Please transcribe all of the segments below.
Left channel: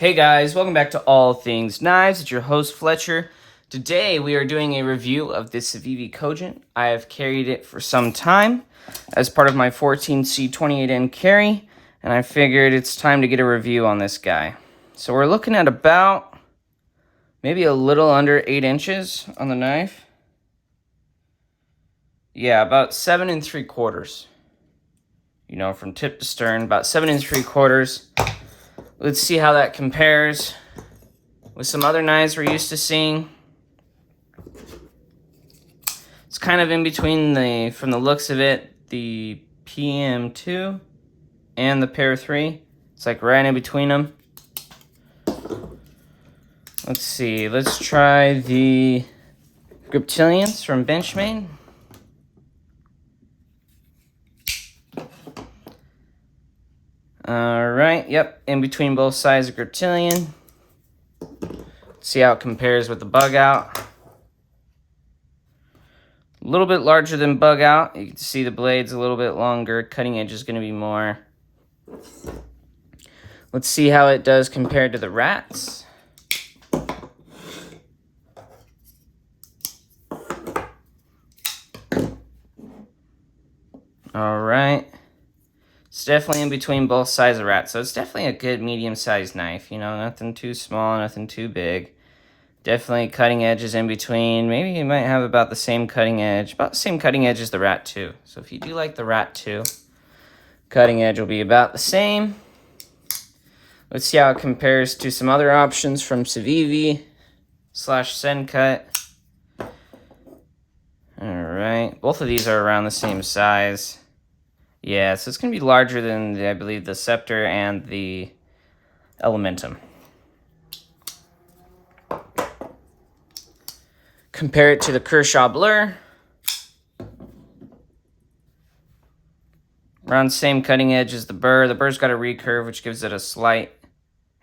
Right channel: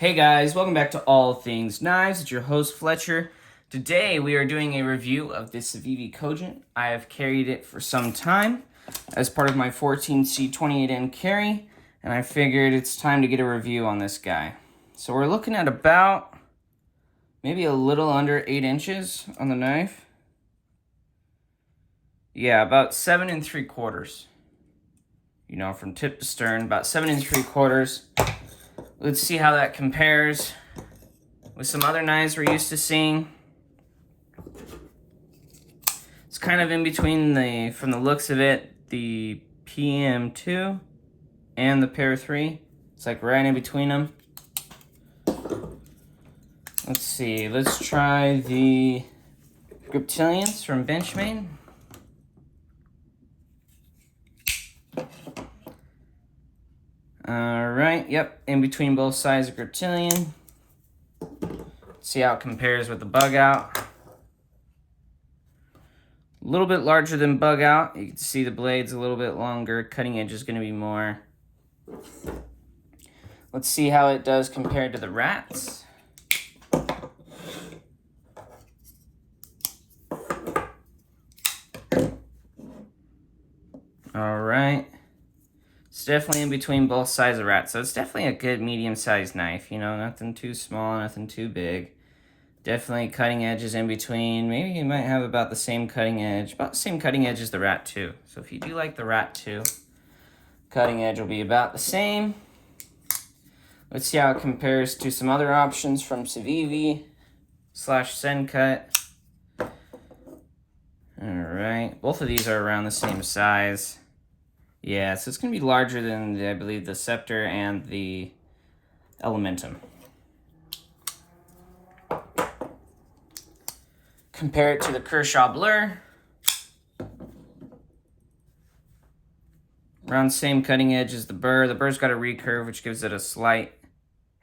Hey guys, welcome back to All Things Knives. It's your host Fletcher. Today we are doing a review of the Civivi Cogent. I have carried it for some time as part of my 14C 28N carry, and I figured it's time to get a review on this guy. So we're looking at about maybe a little under 8 inches on the knife. Yeah, about 7 3/4. You know, from tip to stern, about 7 3/4. Let's see how that compares with some other knives we're used to seeing. It's kind of in between from the looks of it, the PM2 and the Pair 3. It's like right in between them. Let's see, let's try the Griptilians from Benchmade. Alright, yep, in between both sides of Griptilian. See how it compares with the Bug Out. A little bit larger than Bug Out. You can see the blade's a little bit longer. Cutting edge is going to be more. Let's see how it does compared to the Rats. Alright. It's definitely in between both sides of Rats, so it's definitely a good medium-sized knife. You know, nothing too small, nothing too big. Definitely cutting edge is in between. Maybe you might have about the same cutting edge. About the same cutting edge as the Rat 2. So if you do like the Rat 2, cutting edge will be about the same. Let's see how it compares to some other options from Civivi / Sencut. Alright, both of these are around the same size. Yeah, so it's going to be larger than, I believe, the Scepter and the Elementum. Compare it to the Kershaw Blur. Around the same cutting edge as the Burr. The Burr's got a recurve, which gives it a slight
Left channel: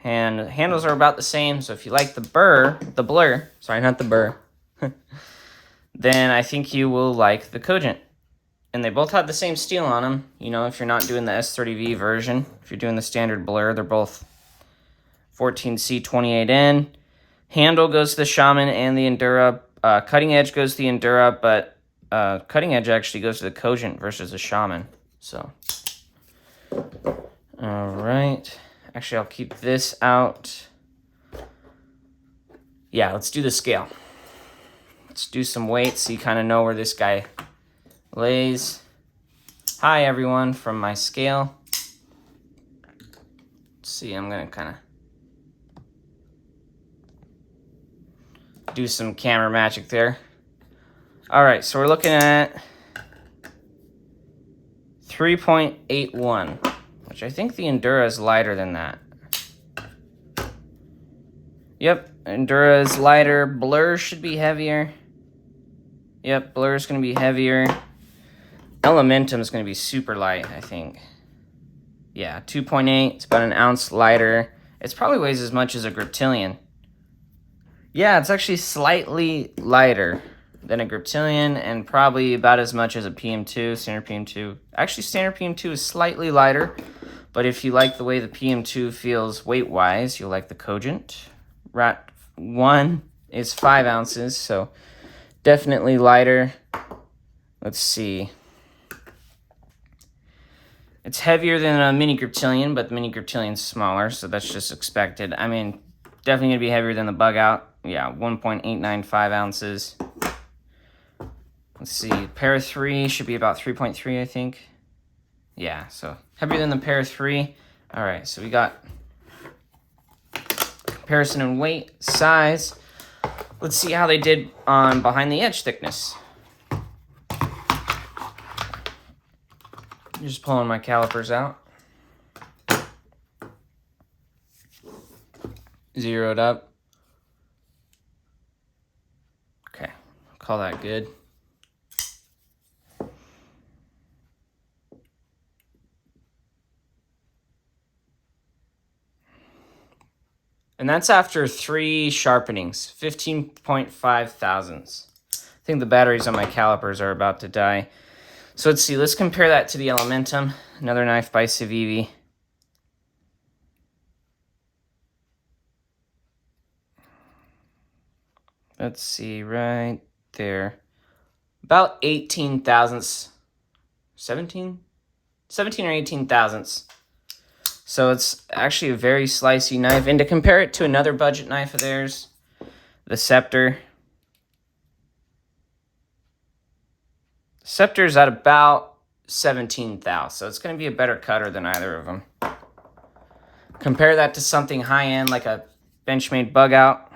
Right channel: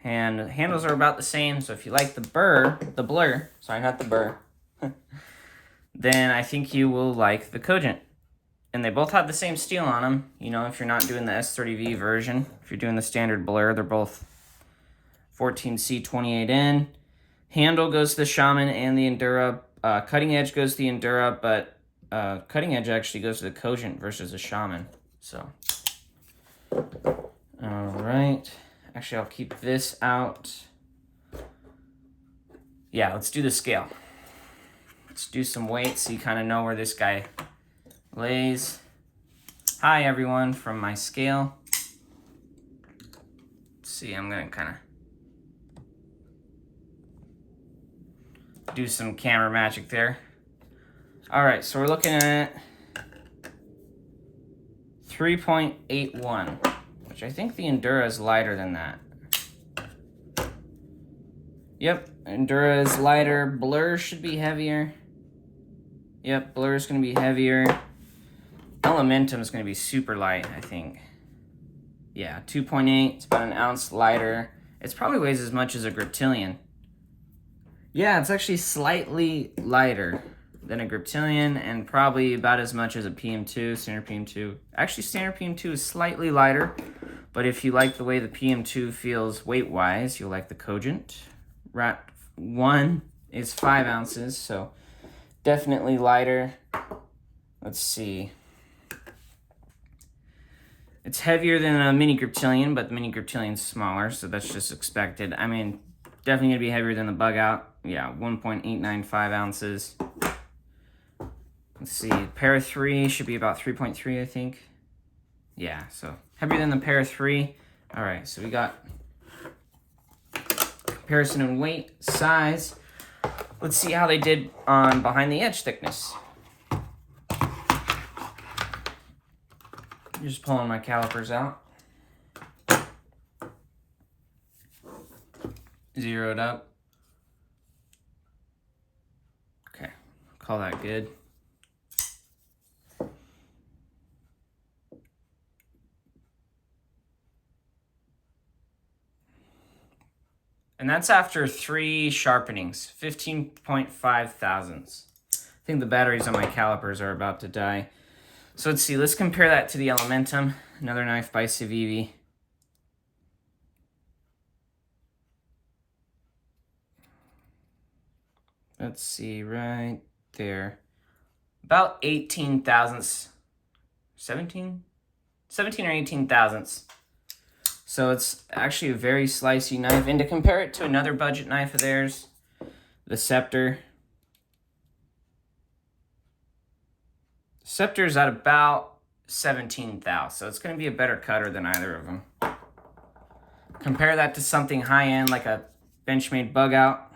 hand. The handles are about the same, so if you like the Blur, sorry, not the Burr, then I think you will like the Cogent. And they both have the same steel on them. You know, if you're not doing the S30V version, if you're doing the standard Blur, they're both 14C 28N. Handle goes to the Shaman and the Endura. Cutting edge goes to the Endura, but cutting edge actually goes to the Cogent versus the Shaman. So, all right. Actually, I'll keep this out. Yeah, let's do the scale. Let's do some weight so you kind of know where this guy lays. Hi, everyone, from my scale. Let's see, I'm going to kind of do some camera magic there. All right, so we're looking at 3.81, which I think the Endura is lighter than that. Yep, Endura is lighter. Blur should be heavier. Yep, Blur is going to be heavier. Elementum is going to be super light, I think. Yeah, 2.8. It's about an ounce lighter. It probably weighs as much as a Griptilian. Yeah, it's actually slightly lighter than a Griptilian and probably about as much as a PM2, standard PM2. Actually, standard PM2 is slightly lighter, but if you like the way the PM2 feels weight-wise, you'll like the Cogent. Rat 1 is 5 ounces, so definitely lighter. Let's see. It's heavier than a mini Griptilian, but the mini Griptilian's smaller, so that's just expected. I mean, definitely going to be heavier than the Bug Out. Yeah, 1.895 ounces. Let's see, Pair 3 should be about 3.3, I think. Yeah, so heavier than the Pair 3. All right, so we got comparison in weight, size. Let's see how they did on behind the edge thickness. I'm just pulling my calipers out. Zeroed up. Okay, call that good. And that's after 3 sharpenings, 15.5 thousandths. I think the batteries on my calipers are about to die. So let's see, let's compare that to the Elementum, another knife by Civivi. let's see, right there. About 18 thousandths, 17 or 18 thousandths. So it's actually a very slicey knife. And to compare it to another budget knife of theirs, the Scepter. Scepter's at about 17 thou. So it's going to be a better cutter than either of them. Compare that to something high-end like a Benchmade Bug Out,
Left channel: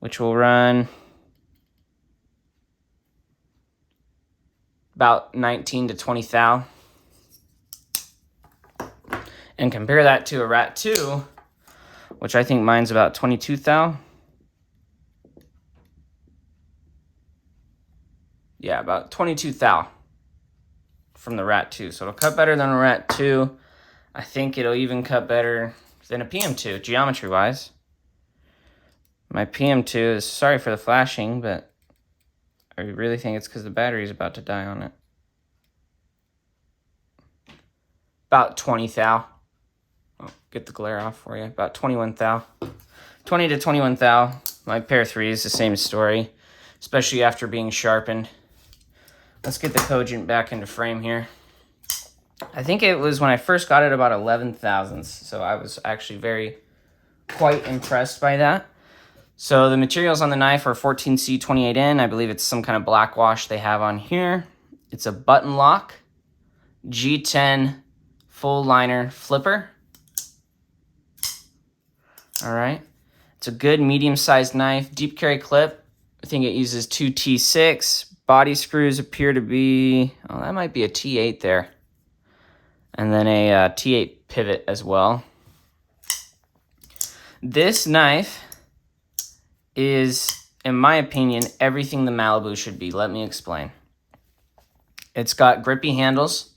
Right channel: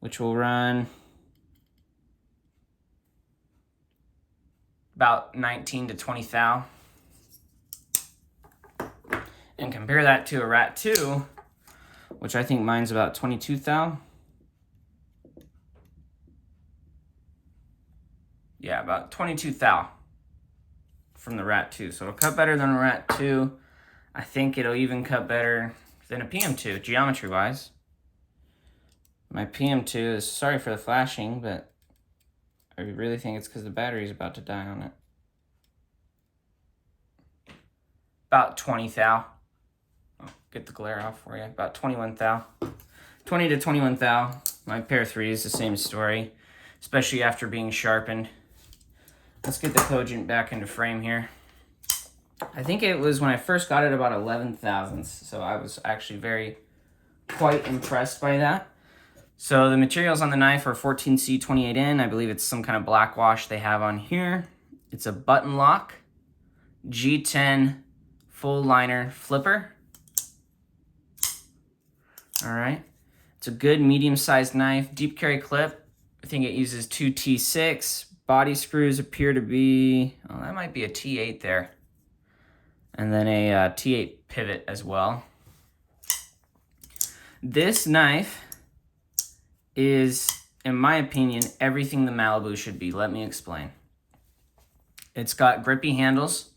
which will run about 19 to 20 thou. And compare that to a Rat 2, which I think mine's about 22 thou. Yeah, about 22 thou from the Rat 2. So it'll cut better than a Rat 2. I think it'll even cut better than a PM2, geometry-wise. My PM2 is, sorry for the flashing, but I really think it's because the battery is about to die on it. About 20 thou. Oh, get the glare off for you. About 21 thou. 20 to 21 thou. My Pair 3 is the same story, especially after being sharpened. Let's get the Cogent back into frame here. I think it was when I first got it about 11 thousandths, so I was actually quite impressed by that. So the materials on the knife are 14C28N. I believe it's some kind of black wash they have on here. It's a button lock, G10 full liner flipper. All right. It's a good medium-sized knife, deep carry clip. I think it uses 2 T6. Body screws appear to be, oh, that might be a T8 there. And then a T8 pivot as well. This knife is, in my opinion, everything the Malibu should be. Let me explain. It's got grippy handles.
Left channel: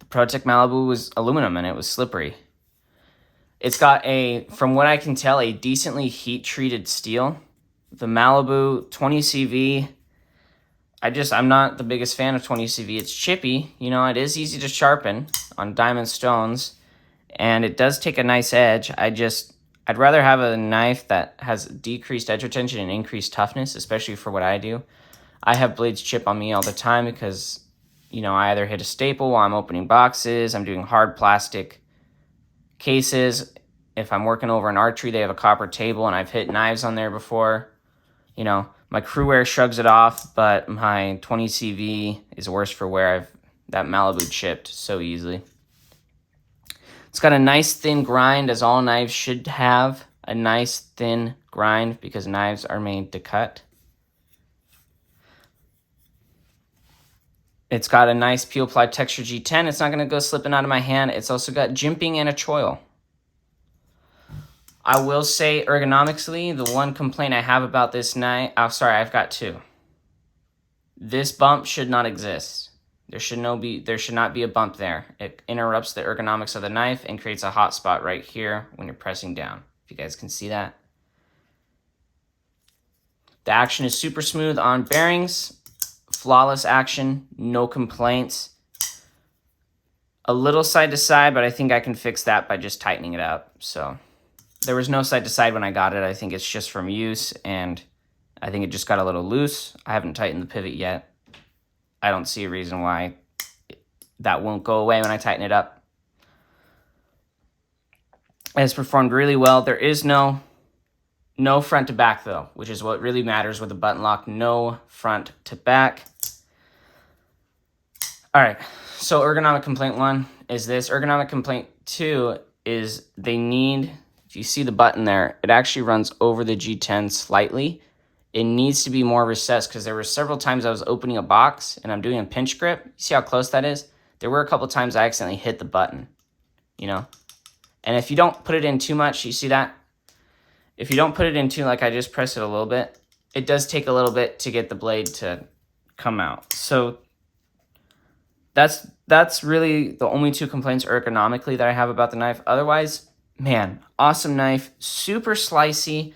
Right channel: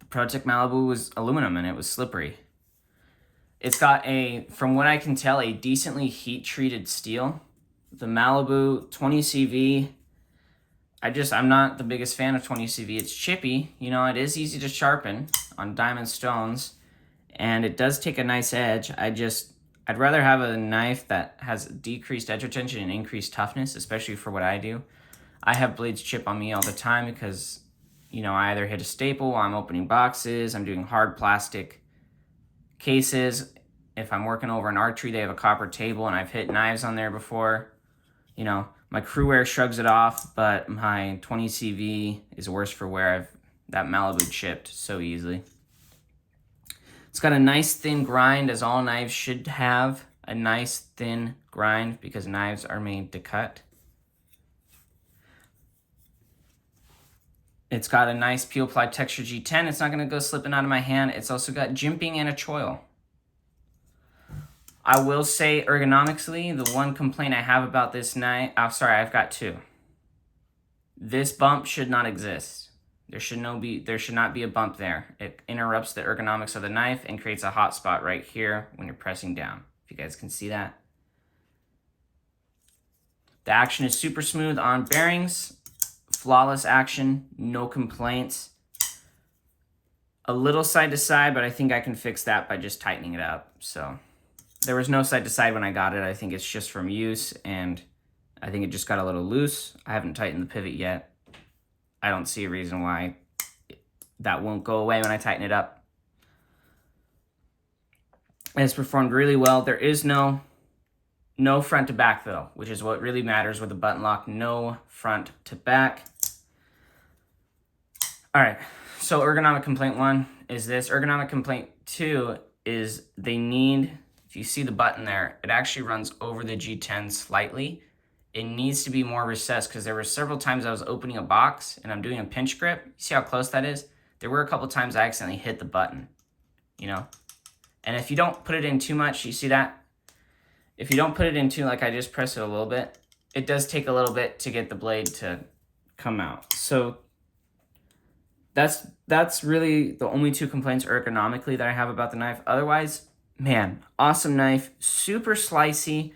The ProTech Malibu was aluminum and it was slippery. It's got a, from what I can tell, a decently heat-treated steel. The Malibu 20CV, I'm not the biggest fan of 20CV. It's chippy. You know, it is easy to sharpen on diamond stones, and it does take a nice edge. I'd rather have a knife that has decreased edge retention and increased toughness, especially for what I do. I have blades chip on me all the time because, you know, I either hit a staple while I'm opening boxes, I'm doing hard plastic cases. If I'm working over an archery, they have a copper table, and I've hit knives on there before. You know, my Crewwear shrugs it off, but my 20CV is worse for wear. That Malibu chipped so easily. It's got a nice thin grind, as all knives should have a nice thin grind because knives are made to cut. It's got a nice peel ply texture G10. It's not going to go slipping out of my hand. It's also got jimping and a choil. I will say ergonomically, the one complaint I have about this knife, I've got two. This bump should not exist. There should not be a bump there. It interrupts the ergonomics of the knife and creates a hot spot right here when you're pressing down. If you guys can see that. The action is super smooth on bearings. Flawless action, no complaints. A little side to side, but I think I can fix that by just tightening it up. So there was no side to side when I got it. I think it's just from use, and I think it just got a little loose. I haven't tightened the pivot yet. I don't see a reason why that won't go away when I tighten it up. It's performed really well. There is no front to back though, which is what really matters with a button lock. No front to back. All right, so ergonomic complaint 1 is this. Ergonomic complaint 2 is they need, if you see the button there, it actually runs over the G10 slightly. It needs to be more recessed because there were several times I was opening a box and I'm doing a pinch grip. You see how close that is? There were a couple times I accidentally hit the button, you know? And if you don't put it in too much, you see that? If you don't put it in too, like I just press it a little bit, it does take a little bit to get the blade to come out. So that's really the only two complaints ergonomically that I have about the knife. Otherwise, man, awesome knife, super slicey.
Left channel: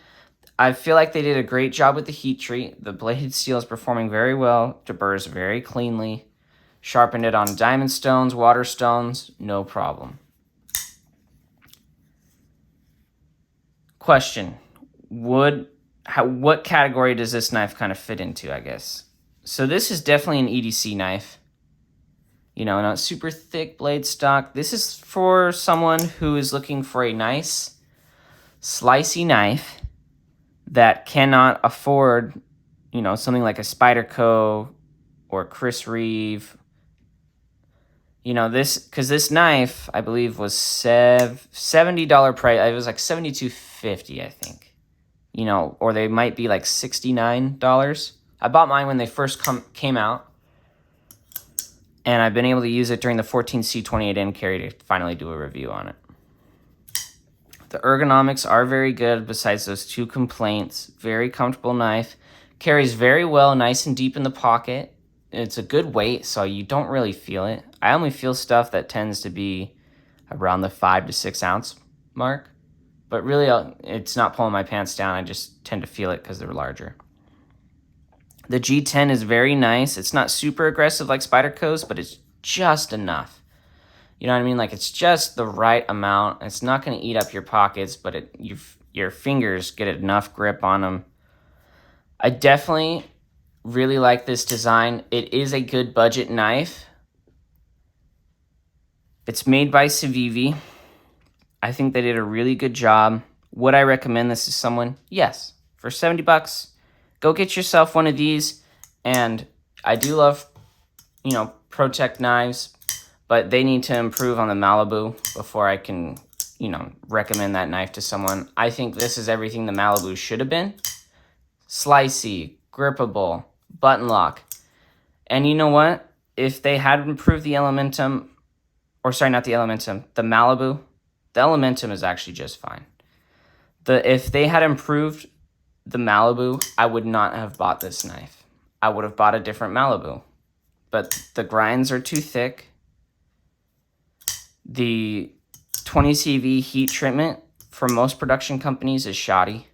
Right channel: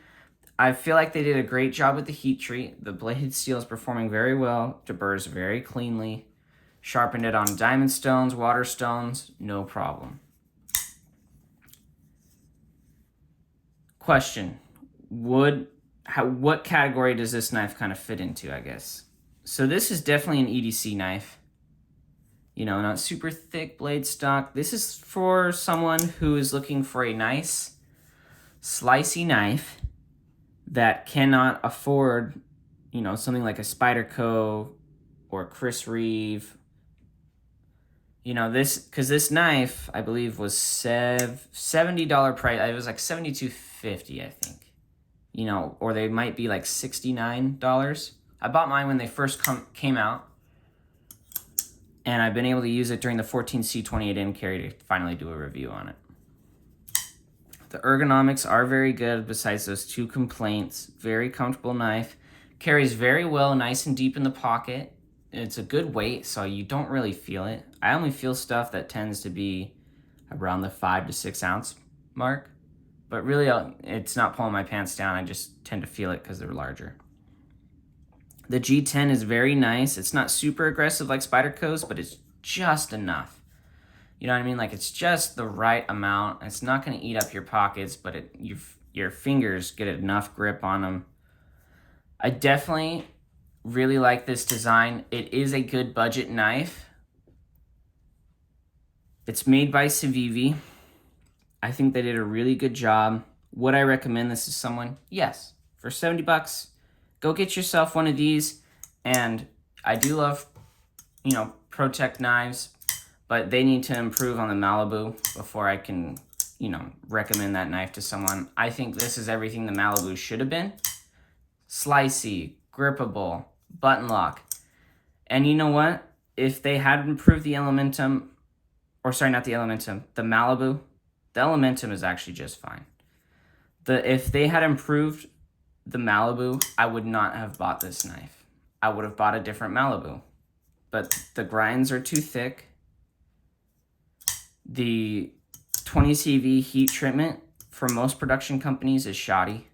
I feel like they did a great job with the heat treat. The blade steel is performing very well, deburrs very cleanly. Sharpened it on diamond stones, water stones, no problem. Question, what category does this knife kind of fit into, I guess? So this is definitely an EDC knife. You know, not super thick blade stock. This is for someone who is looking for a nice, slicey knife that cannot afford, you know, something like a Spyderco or Chris Reeve. You know, because this knife, I believe, was $70 price. It was like $72.50, I think. You know, or they might be like $69. I bought mine when they first came out. And I've been able to use it during the 14C28N carry to finally do a review on it. The ergonomics are very good besides those 2 complaints. Very comfortable knife. Carries very well, nice and deep in the pocket. It's a good weight, so you don't really feel it. I only feel stuff that tends to be around the 5 to 6 ounce mark. But really, it's not pulling my pants down. I just tend to feel it because they're larger. The G10 is very nice. It's not super aggressive like Spyderco's, but it's just enough. You know what I mean? Like, it's just the right amount. It's not going to eat up your pockets, but your fingers get enough grip on them. I definitely really like this design. It is a good budget knife. It's made by Civivi. I think they did a really good job. Would I recommend this to someone? Yes. For $70, go get yourself one of these. And I do love, you know, ProTech knives, but they need to improve on the Malibu before I can, you know, recommend that knife to someone. I think this is everything the Malibu should have been. Slicey, grippable, button lock. And you know what? If they had improved the Elementum, or sorry, not the Elementum, the Malibu, the Elementum is actually just fine. If they had improved the Malibu, I would not have bought this knife. I would have bought a different Malibu. But the grinds are too thick. The 20 CV heat treatment for most production companies is shoddy.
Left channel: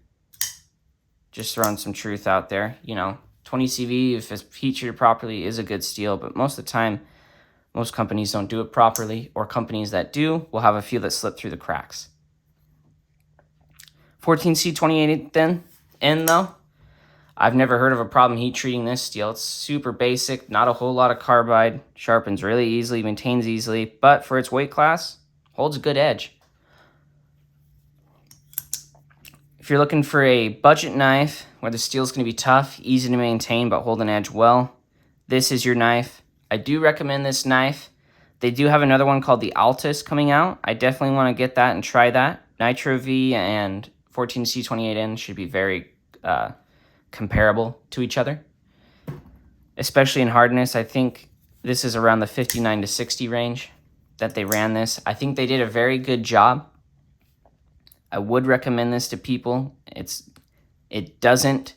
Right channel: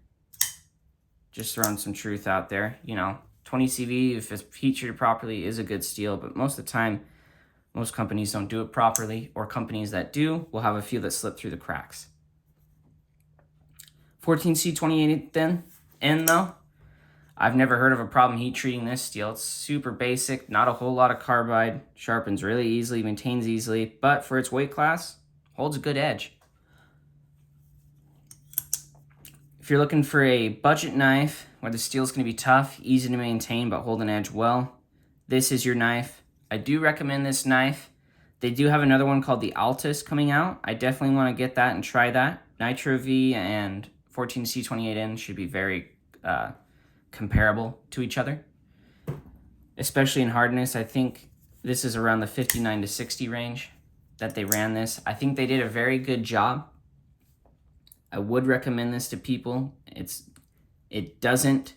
Just throwing some truth out there. You know, 20 CV, if it's heat treated properly, is a good steel, but most of the time, most companies don't do it properly, or companies that do will have a few that slip through the cracks. 14C28 then, and though, I've never heard of a problem heat treating this steel. It's super basic, not a whole lot of carbide, sharpens really easily, maintains easily, but for its weight class, holds a good edge. If you're looking for a budget knife where the steel's going to be tough, easy to maintain, but hold an edge well, this is your knife. I do recommend this knife. They do have another one called the Altus coming out. I definitely want to get that and try that. Nitro V and 14C28N should be very comparable to each other, especially in hardness. I think this is around the 59 to 60 range that they ran this. I think they did a very good job. I would recommend this to people. It doesn't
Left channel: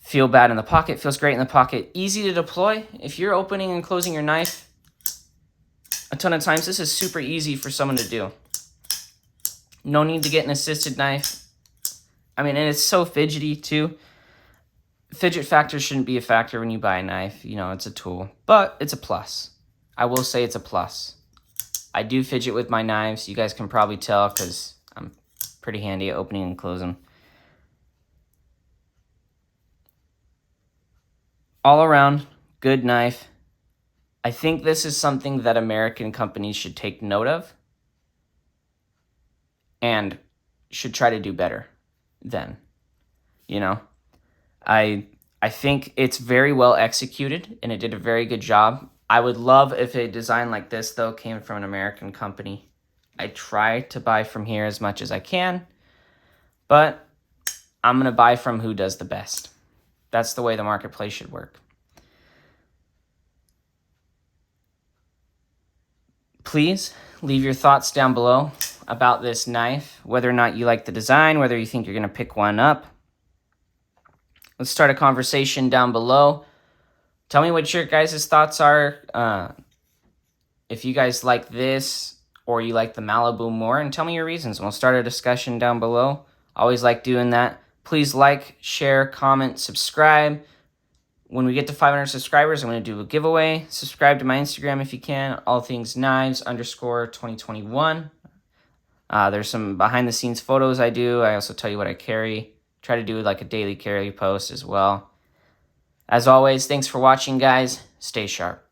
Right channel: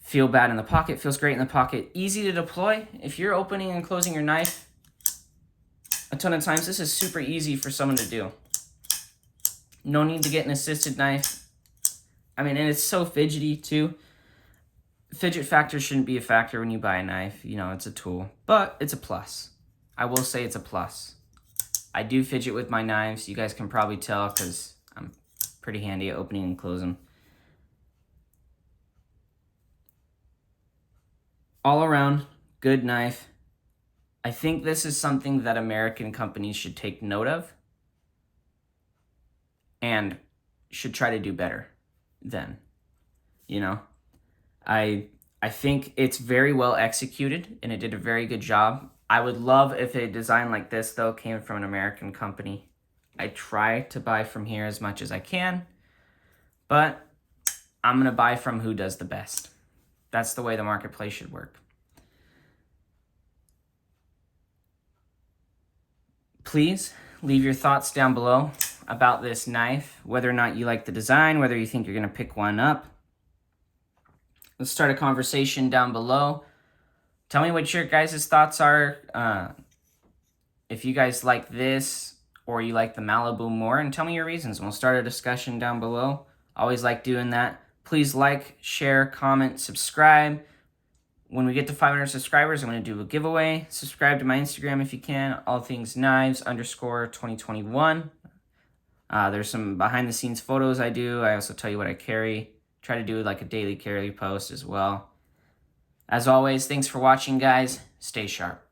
feel bad in the pocket, feels great in the pocket, easy to deploy. If you're opening and closing your knife a ton of times, this is super easy for someone to do. No need to get an assisted knife. I mean, and it's so fidgety too. Fidget factor shouldn't be a factor when you buy a knife. You know, it's a tool, but it's a plus. I will say it's a plus. I do fidget with my knives. You guys can probably tell because I'm pretty handy at opening and closing. All around, good knife. I think this is something that American companies should take note of and should try to do better than, you know. I think it's very well executed and it did a very good job. I would love if a design like this, though, came from an American company. I try to buy from here as much as I can, but I'm going to buy from who does the best. That's the way the marketplace should work. Please leave your thoughts down below about this knife, whether or not you like the design, whether you think you're going to pick one up. Let's start a conversation down below. Tell me what your guys' thoughts are. If you guys like this or you like the Malibu more, and tell me your reasons. We'll start a discussion down below. I always like doing that. Please like, share, comment, subscribe. When we get to 500 subscribers, I'm going to do a giveaway. Subscribe to my Instagram if you can. allthingsknives_2021. There's some behind the scenes photos I do. I also tell you what I carry. try to do like a daily carry post as well. As always, thanks for watching, guys. Stay sharp.